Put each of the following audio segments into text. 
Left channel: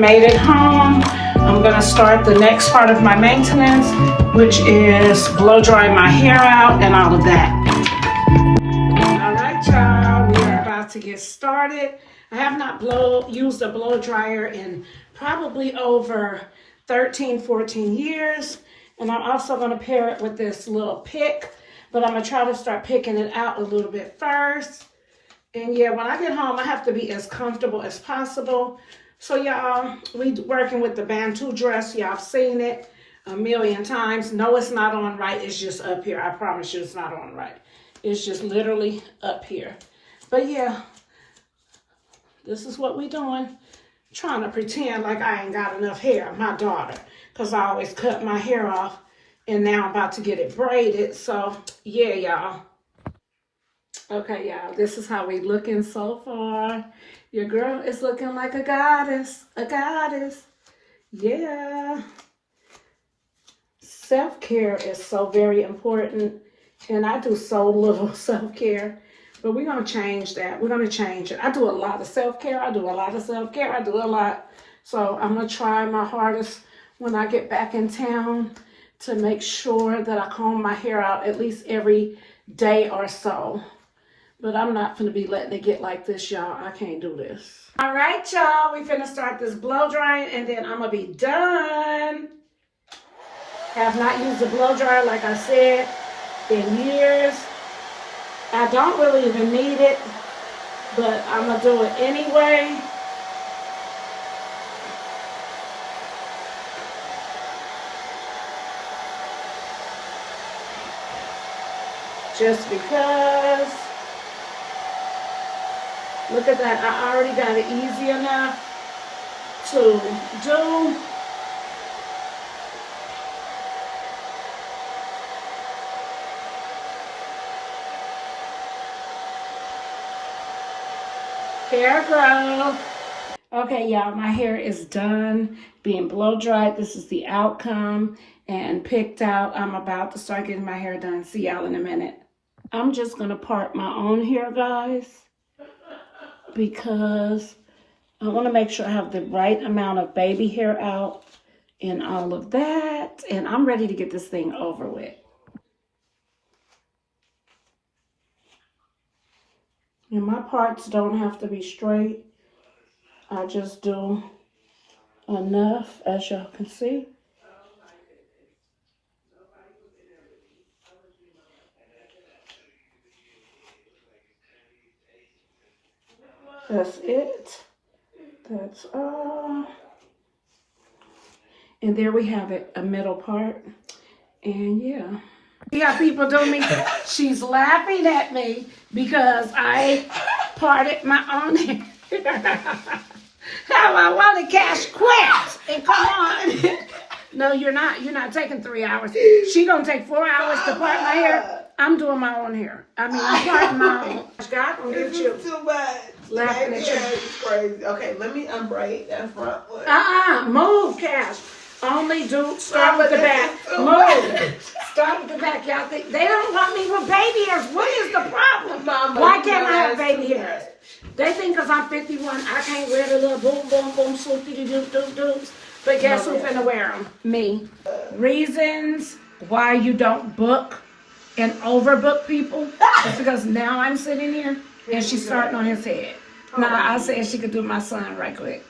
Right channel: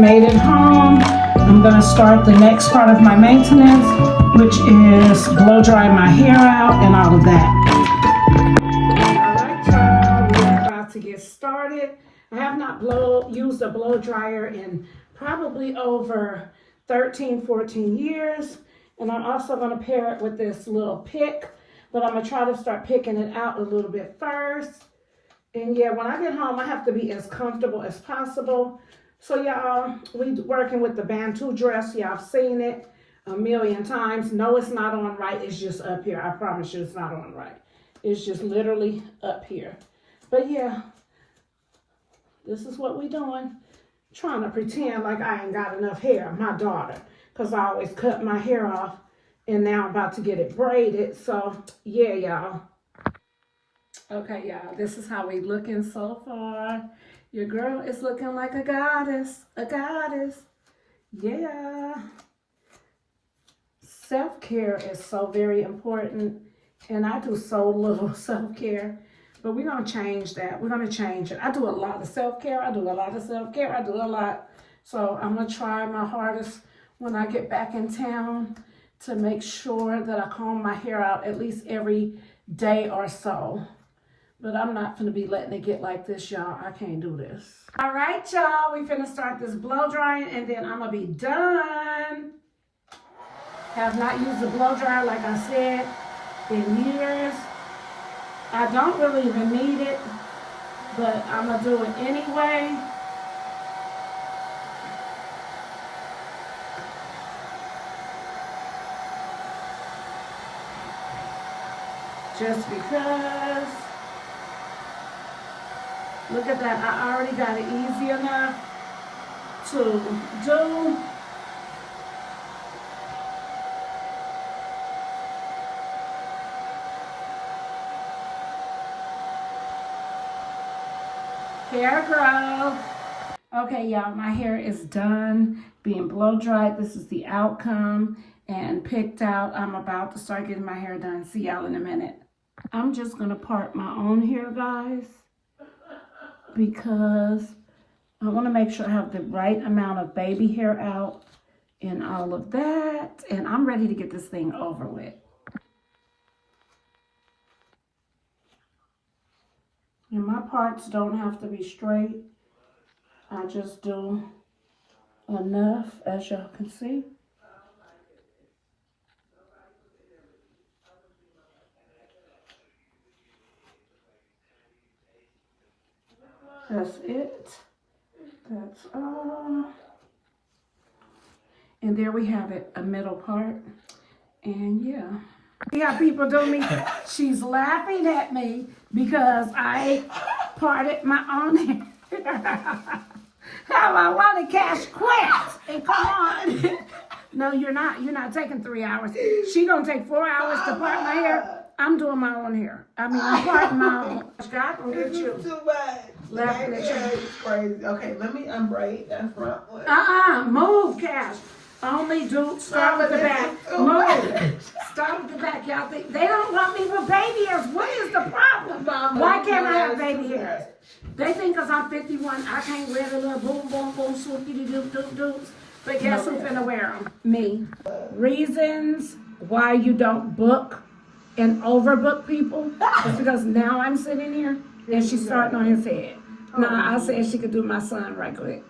made it home. I'm gonna start the next part of my maintenance, which is blow drying my hair out and all of that. All right, y'all, we're about to get started. I have not used a blow dryer in probably over 13, 14 years. And I'm also gonna pair it with this little pick, but I'm gonna try to start picking it out a little bit first. And yeah, when I get home, I have to be as comfortable as possible. So y'all, we working with the Bantu dress. Y'all seen it a million times. No, it's not on right. It's just up here. I promise you it's not on right. It's just literally up here. But yeah, this is what we doing. Trying to pretend like I ain't got enough hair. My daughter. Because I always cut my hair off. And now I'm about to get it braided. So yeah, y'all. Okay, y'all, this is how we looking so far. Your girl is looking like a goddess, Yeah. Self-care is so very important, and I do so little self-care, but we're going to change that. We're going to change it. I do a lot of self-care. I do a lot. So I'm going to try my hardest when I get back in town to make sure that I comb my hair out at least every day or so. But I'm not gonna be letting it get like this, y'all. I can't do this. All right, y'all. We finna start this blow drying, and then I'm gonna be done. Have not used a blow dryer, like I said, in years. I don't really even need it, but I'm gonna do it anyway. Just because. Look at that, I already got it easy enough to do. Hair growth. Okay, y'all, my hair is done being blow dried. This is the outcome and picked out. I'm about to start getting my hair done. See y'all in a minute. I'm just gonna part my own hair, guys, because I want to make sure I have the right amount of baby hair out and all of that. And I'm ready to get this thing over with. And my parts don't have to be straight. I just do enough, as y'all can see. That's it. That's all. And there we have it, a middle part. And yeah. See how people do me? She's laughing at me because I parted my own hair. How I want to cash quick and come on. No, you're not. You're not taking 3 hours. She gonna take 4 hours to part my hair. I'm doing my own hair. I mean, I'm parting my own. God will get you. Too much. Laughing at you. Crazy. Okay, let me unbraid that front one. Move, Cash. Only do start with the back. Move. Start with the back, y'all. They don't want me with baby hairs. What is the problem? Mama, why can't I have baby hairs? They think because I'm 51, I can't wear the little boom, boom, boom, swoopy-doo-doo-doos. But guess who's finna wear them? Me. Reasons why you don't book and overbook people is because now I'm sitting here and she's starting on his head. Now I said she could do my son right quick.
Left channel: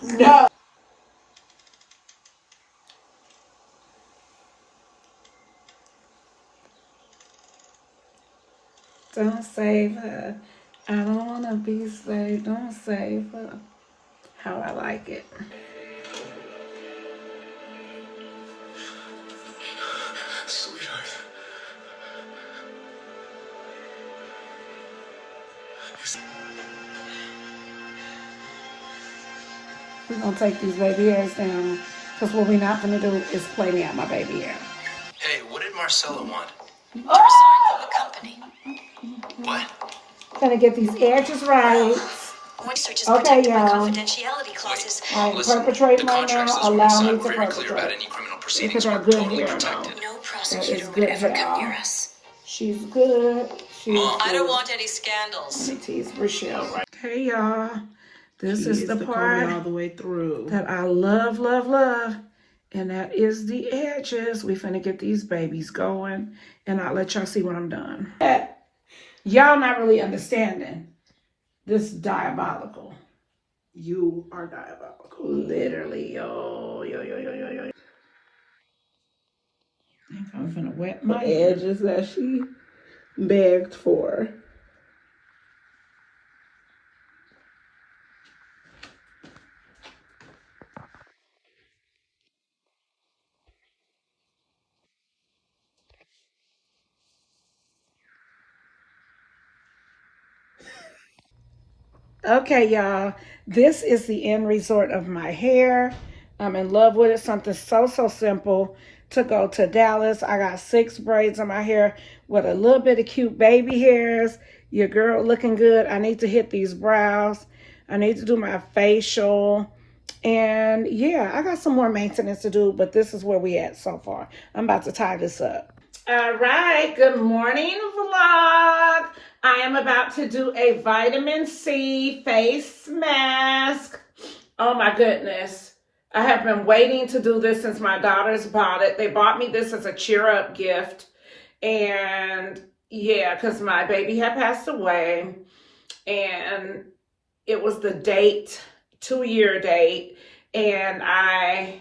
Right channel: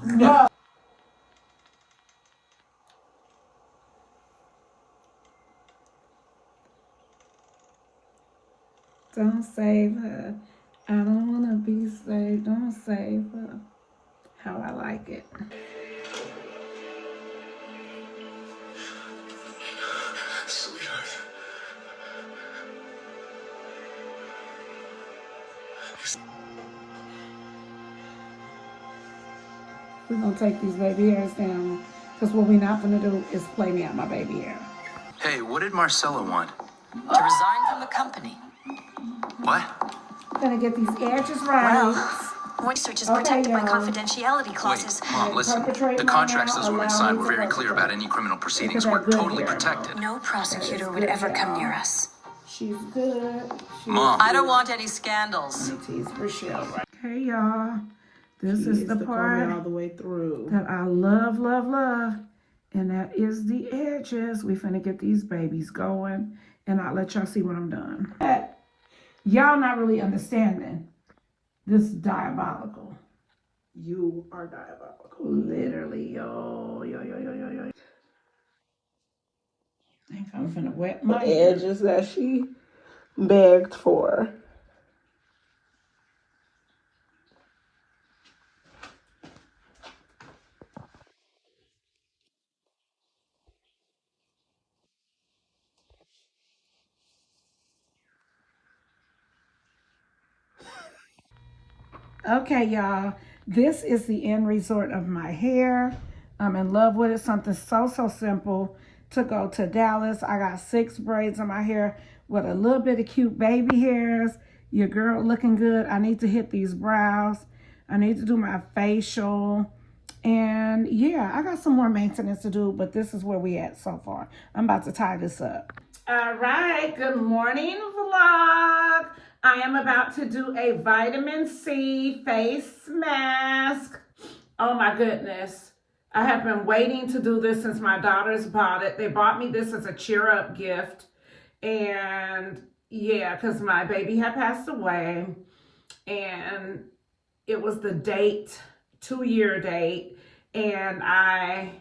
No. Don't save her. I don't want to be saved. Don't save her. How I like it. Sweetheart. We're going to take these baby hairs down because what we're not going to do is play me out my baby hair. Hey, what did Marcella want? To resign from the company. What? Gonna get these edges right. Voice search is Okay, protected by y'all. confidentiality clauses. I'm Listen, perpetrating the right contract now. says when we Allow sign, me we're to very clear about perpetrate. any criminal proceedings. Because We're I'm good totally here. protected. No That prosecutor is would good ever here. come near us. She's good. She's Mom. I don't want any scandals. Let me tease Rochelle right. Okay, y'all. This is the part all the way through. that I love, love, love. And that is the edges. We finna get these babies going. And I'll let y'all see when I'm done. Y'all not really understanding. This is diabolical. You are diabolical. Literally, yo. I think I'm finna wet my Edges that she begged for. Okay, y'all. This is the end resort of my hair. I'm in love with it. Something so simple to go to Dallas. I got 6 braids in my hair with a little bit of cute baby hairs. Your girl looking good. I need to hit these brows. I need to do my facial. And yeah, I got some more maintenance to do, but this is where we at so far. I'm about to tie this up. All right, good morning vlog. I am about to do a vitamin C face mask. Oh my goodness. I have been waiting to do this since my daughters bought it. They bought me this as a cheer up gift. And yeah, because my baby had passed away. And it was the date, 2-year date. And I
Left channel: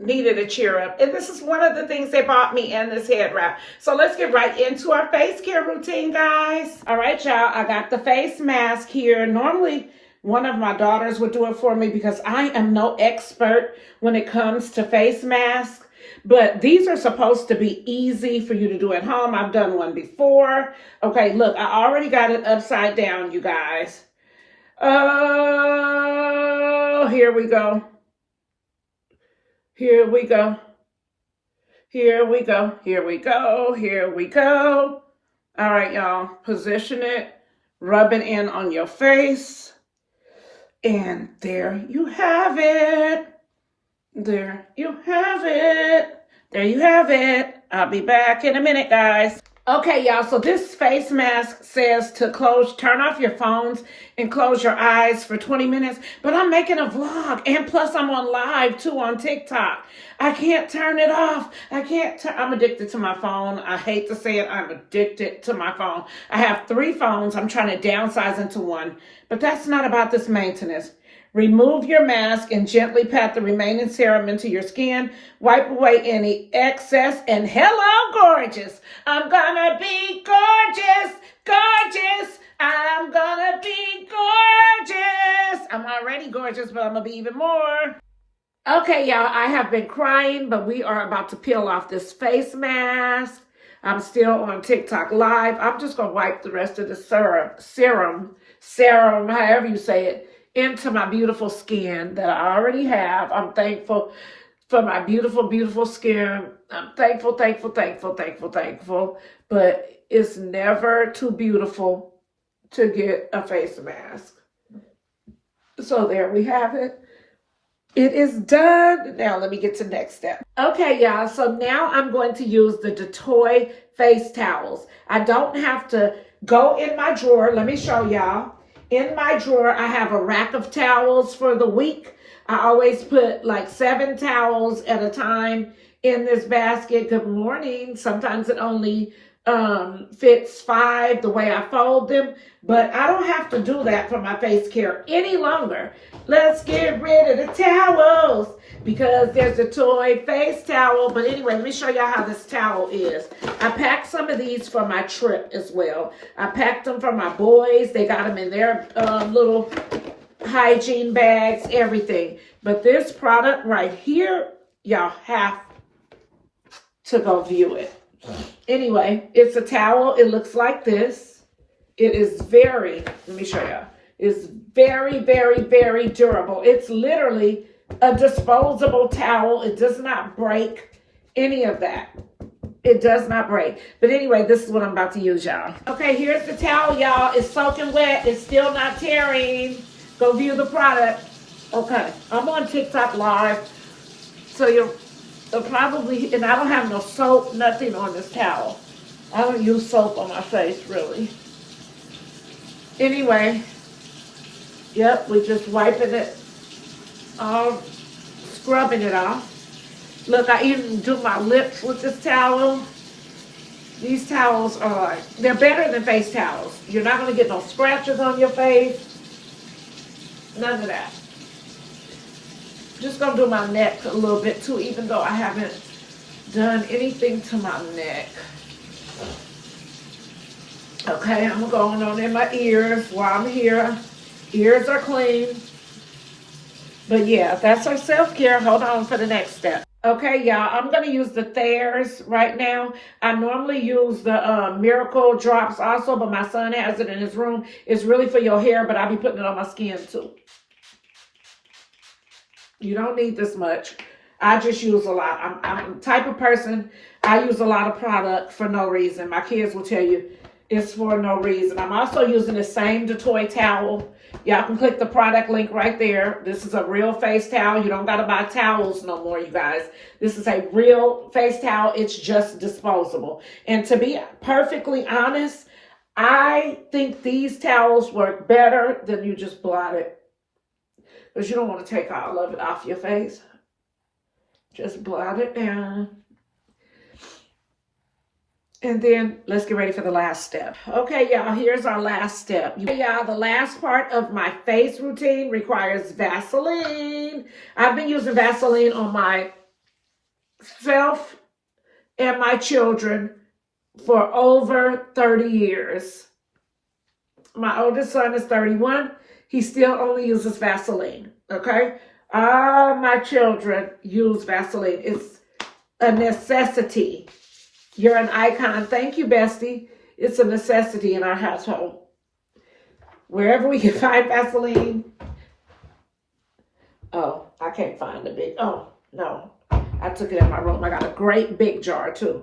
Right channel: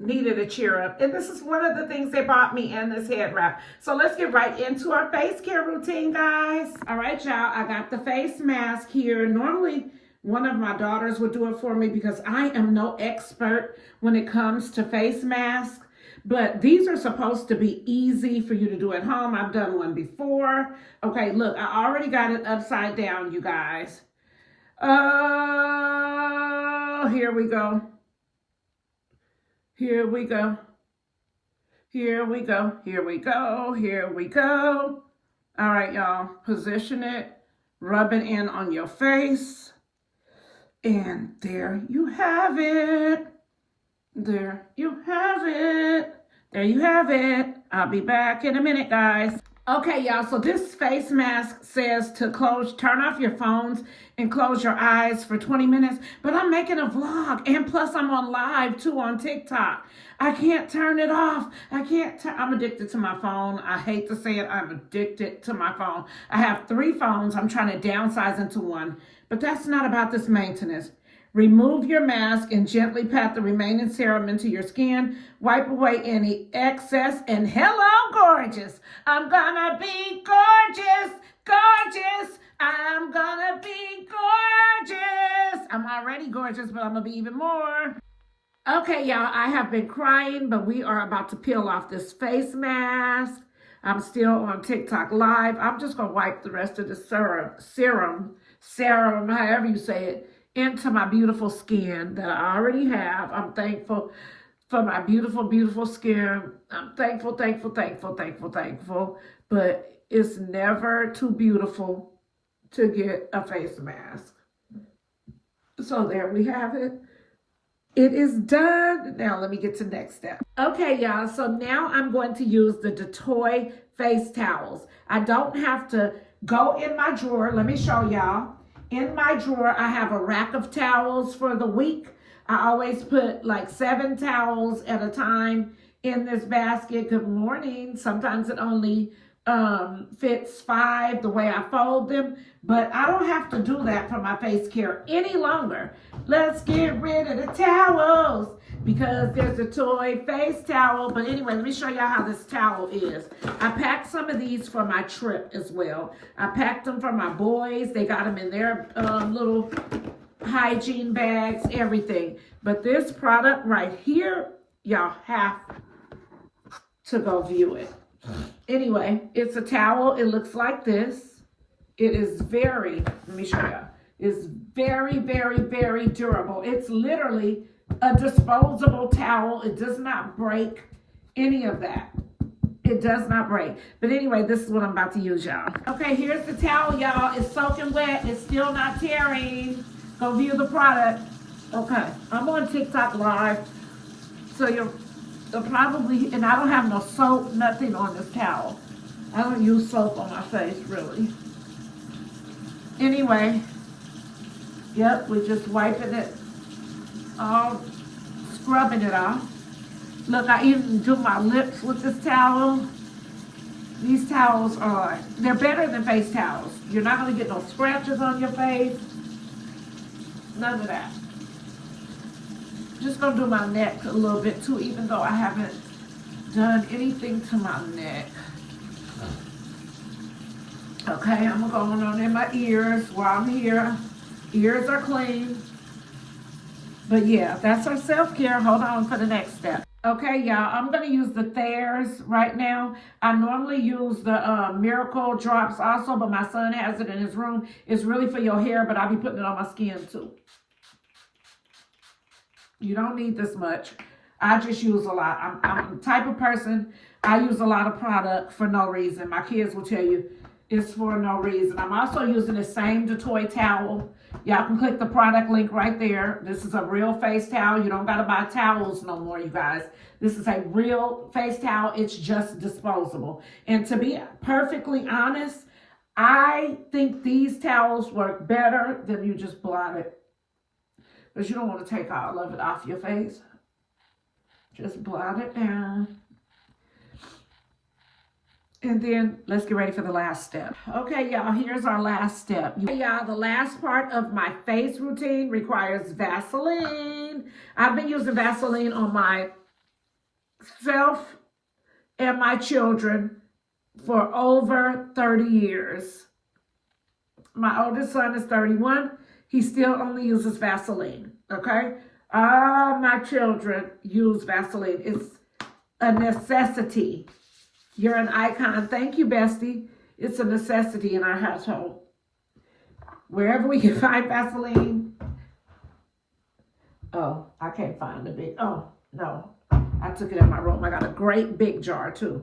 needed a cheer up. And this is one of the things they bought me, and this head wrap. So let's get right into our face care routine, guys. All right, y'all, I got the face mask here. Normally, one of my daughters would do it for me because I am no expert when it comes to face masks. But these are supposed to be easy for you to do at home. I've done one before. Okay, look, I already got it upside down, you guys. Oh, here we go. Here we go. Here we go. Here we go. Here we go. All right, y'all. Position it. Rub it in on your face. And there you have it. There you have it. There you have it. I'll be back in a minute, guys. Okay, y'all, so this face mask says to turn off your phones and close your eyes for 20 minutes, but I'm making a vlog, and plus I'm on live too on TikTok. I can't turn it off. I'm addicted to my phone. I hate to say it, I'm addicted to my phone. I have 3 phones. I'm trying to downsize into one, but that's not about this maintenance. Remove your mask and gently pat the remaining serum into your skin. Wipe away any excess. And hello, gorgeous. I'm gonna be gorgeous, gorgeous. I'm gonna be gorgeous. I'm already gorgeous, but I'm gonna be even more. Okay, y'all, I have been crying, but we are about to peel off this face mask. I'm still on TikTok live. I'm just gonna wipe the rest of the serum, however you say it, into my beautiful skin that I already have. I'm thankful for my beautiful, beautiful skin. I'm thankful. But it's never too beautiful to get a face mask. So there we have it. It is done. Now let me get to the next step. Okay, y'all. So now I'm going to use the Tiktoshh face towels. I don't have to go in my drawer. Let me show y'all. In my drawer, I have a rack of towels for the week. I always put like 7 towels at a time in this basket. Good morning. Sometimes it only fits 5 the way I fold them, but I don't have to do that for my face care any longer. Let's get rid of the towels because there's a toy face towel. But anyway, let me show y'all how this towel is. I packed some of these for my trip as well. I packed them for my boys. They got them in their little hygiene bags, everything. But this product right here, y'all have to go view it. Anyway, it's a towel. It looks like this. It is let me show y'all. It's very durable. It's literally a disposable towel. It does not break any of that. It does not break. But anyway, this is what I'm about to use, y'all. Okay, here's the towel, y'all. It's soaking wet. It's still not tearing. Go view the product. Okay, I'm on TikTok live, so you'll probably, and I don't have no soap, nothing on this towel. I don't use soap on my face, really. Anyway, yep, we're just wiping it all, scrubbing it off. Look, I even do my lips with this towel. These towels are, they're better than face towels. You're not gonna get no scratches on your face. None of that. Just gonna do my neck a little bit too, even though I haven't done anything to my neck. Okay, I'm going on in my ears while I'm here. Ears are clean. But yeah, that's our self-care. Hold on for the next step. Okay, y'all, I'm going to use the Thayers right now. I normally use the Miracle Drops also, but my son has it in his room. It's really for your hair, but I'll be putting it on my skin too. You don't need this much. I just use a lot. I'm the type of person, I use a lot of product for no reason. My kids will tell you it's for no reason. I'm also using the same Detoy towel. Y'all can click the product link right there. This is a real face towel. You don't got to buy towels no more, you guys. This is a real face towel. It's just disposable. And to be perfectly honest, I think these towels work better than you just blot it. Because you don't want to take all of it off your face. Just blot it down. And then let's get ready for the last step. Okay, y'all, here's our last step. Y'all, the last part of my face routine requires Vaseline. I've been using Vaseline on myself and my children for over 30 years. My oldest son is 31. He still only uses Vaseline, okay? All my children use Vaseline. It's a necessity. You're an icon. Thank you, bestie. It's a necessity in our household. Wherever we can find Vaseline. Oh, I can't find the big. Oh, no. I took it in my room. I got a great big jar, too.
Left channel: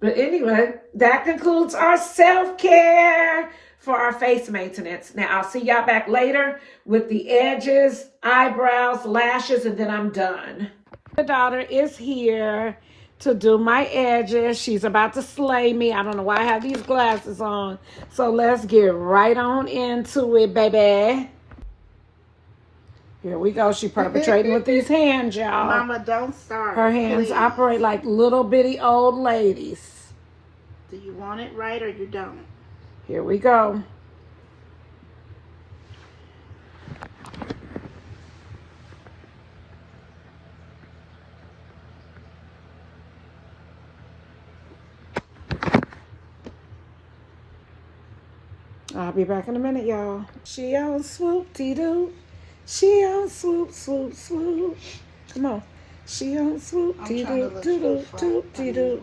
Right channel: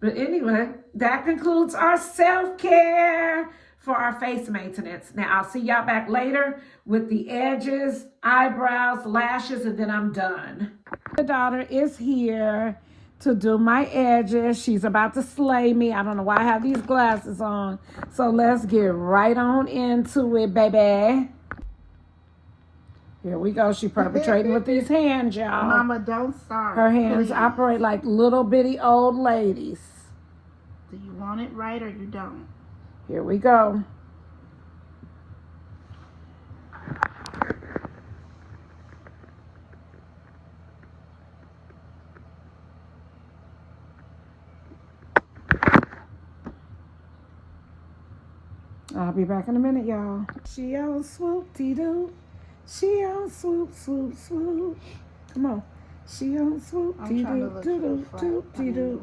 But anyway, that concludes our self-care for our face maintenance. Now, I'll see y'all back later with the edges, eyebrows, lashes, and then I'm done. My daughter is here to do my edges. She's about to slay me. I don't know why I have these glasses on. So let's get right on into it, baby. Here we go. She perpetrating with these hands, y'all. Mama, don't start. Her hands please. operate like little bitty old ladies. Do you want it right or you don't? Here we go. I'll be back in a minute, y'all. She on swoop-dee-doo. She on swoop, swoop, swoop. Come on. She on swoop-dee-doo, doo-doo, doo-dee-doo.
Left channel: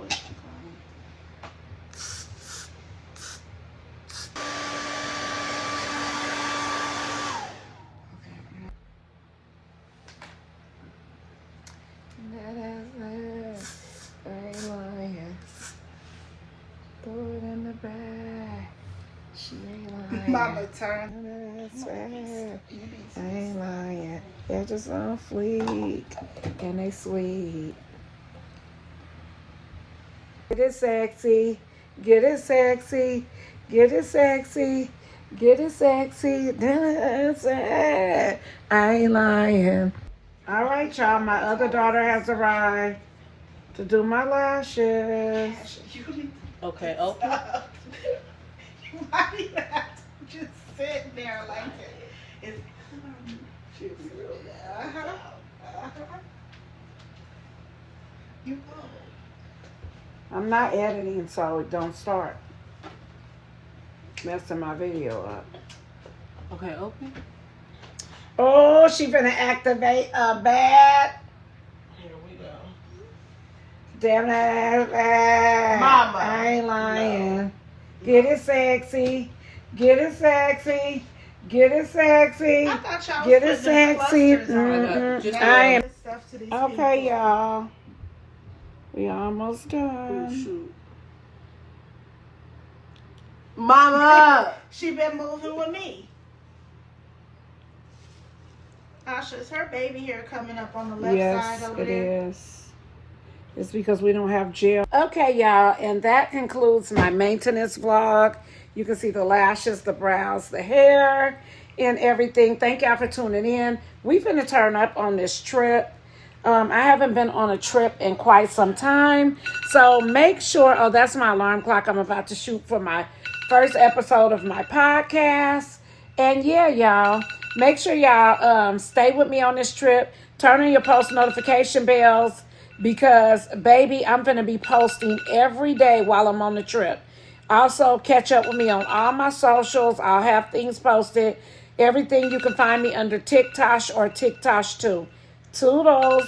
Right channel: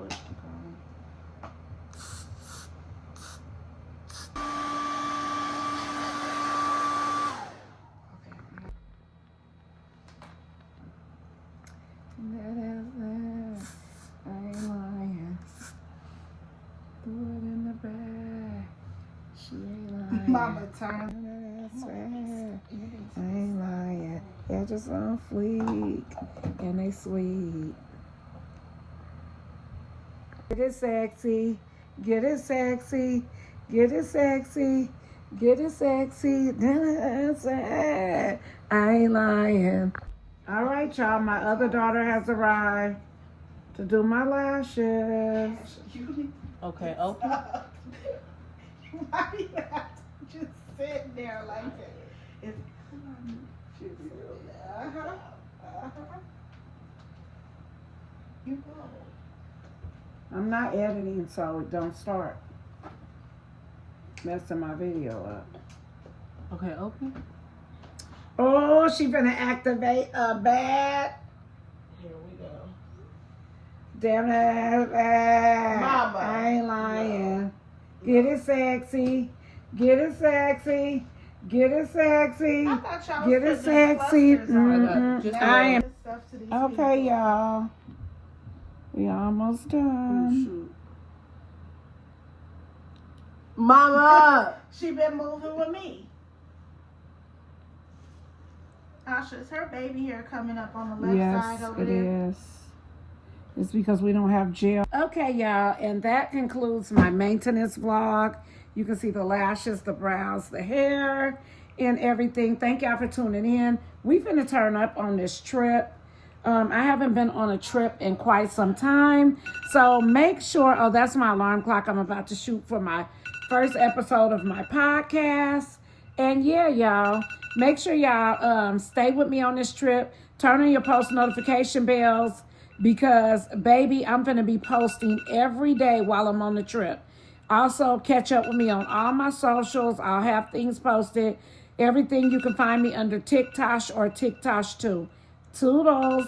Mama, turn. I ain't lying. They're just on fleek. And they sweet. Get it sexy. Get it sexy. Get it sexy. Get it sexy. I ain't lying. All right, y'all. My other daughter has arrived to do my lashes. Okay, open. Why do you have to just sit there like that? You know. I'm not editing, so it don't start messing my video up. Okay, open. Oh, she finna activate a bat. Here we go. Damn it. Mama. I ain't lying. Get it sexy. Get it sexy. Get it sexy. I thought y'all Get was it putting the sexy. clusters on. Mm-mm. I am. Stuff to these Okay, people. y'all. We almost Oh, done. shoot. Mama, she been moving with me. Asha, is her baby hair coming up on the left Yes, side over it there? is. It's because we don't have gel. Okay, y'all, and that concludes my maintenance vlog. You can see the lashes, the brows, the hair, and everything. Thank y'all for tuning in. We finna turn up on this trip. I haven't been on a trip in quite some time. So make sure, oh, that's my alarm clock. I'm about to shoot for my first episode of my podcast. And yeah, y'all, make sure y'all stay with me on this trip. Turn on your post notification bells because, baby, I'm going to be posting every day while I'm on the trip. Also, catch up with me on all my socials. I'll have things posted. Everything you can find me under Tiktoshh or Tiktoshh 2. Toodles.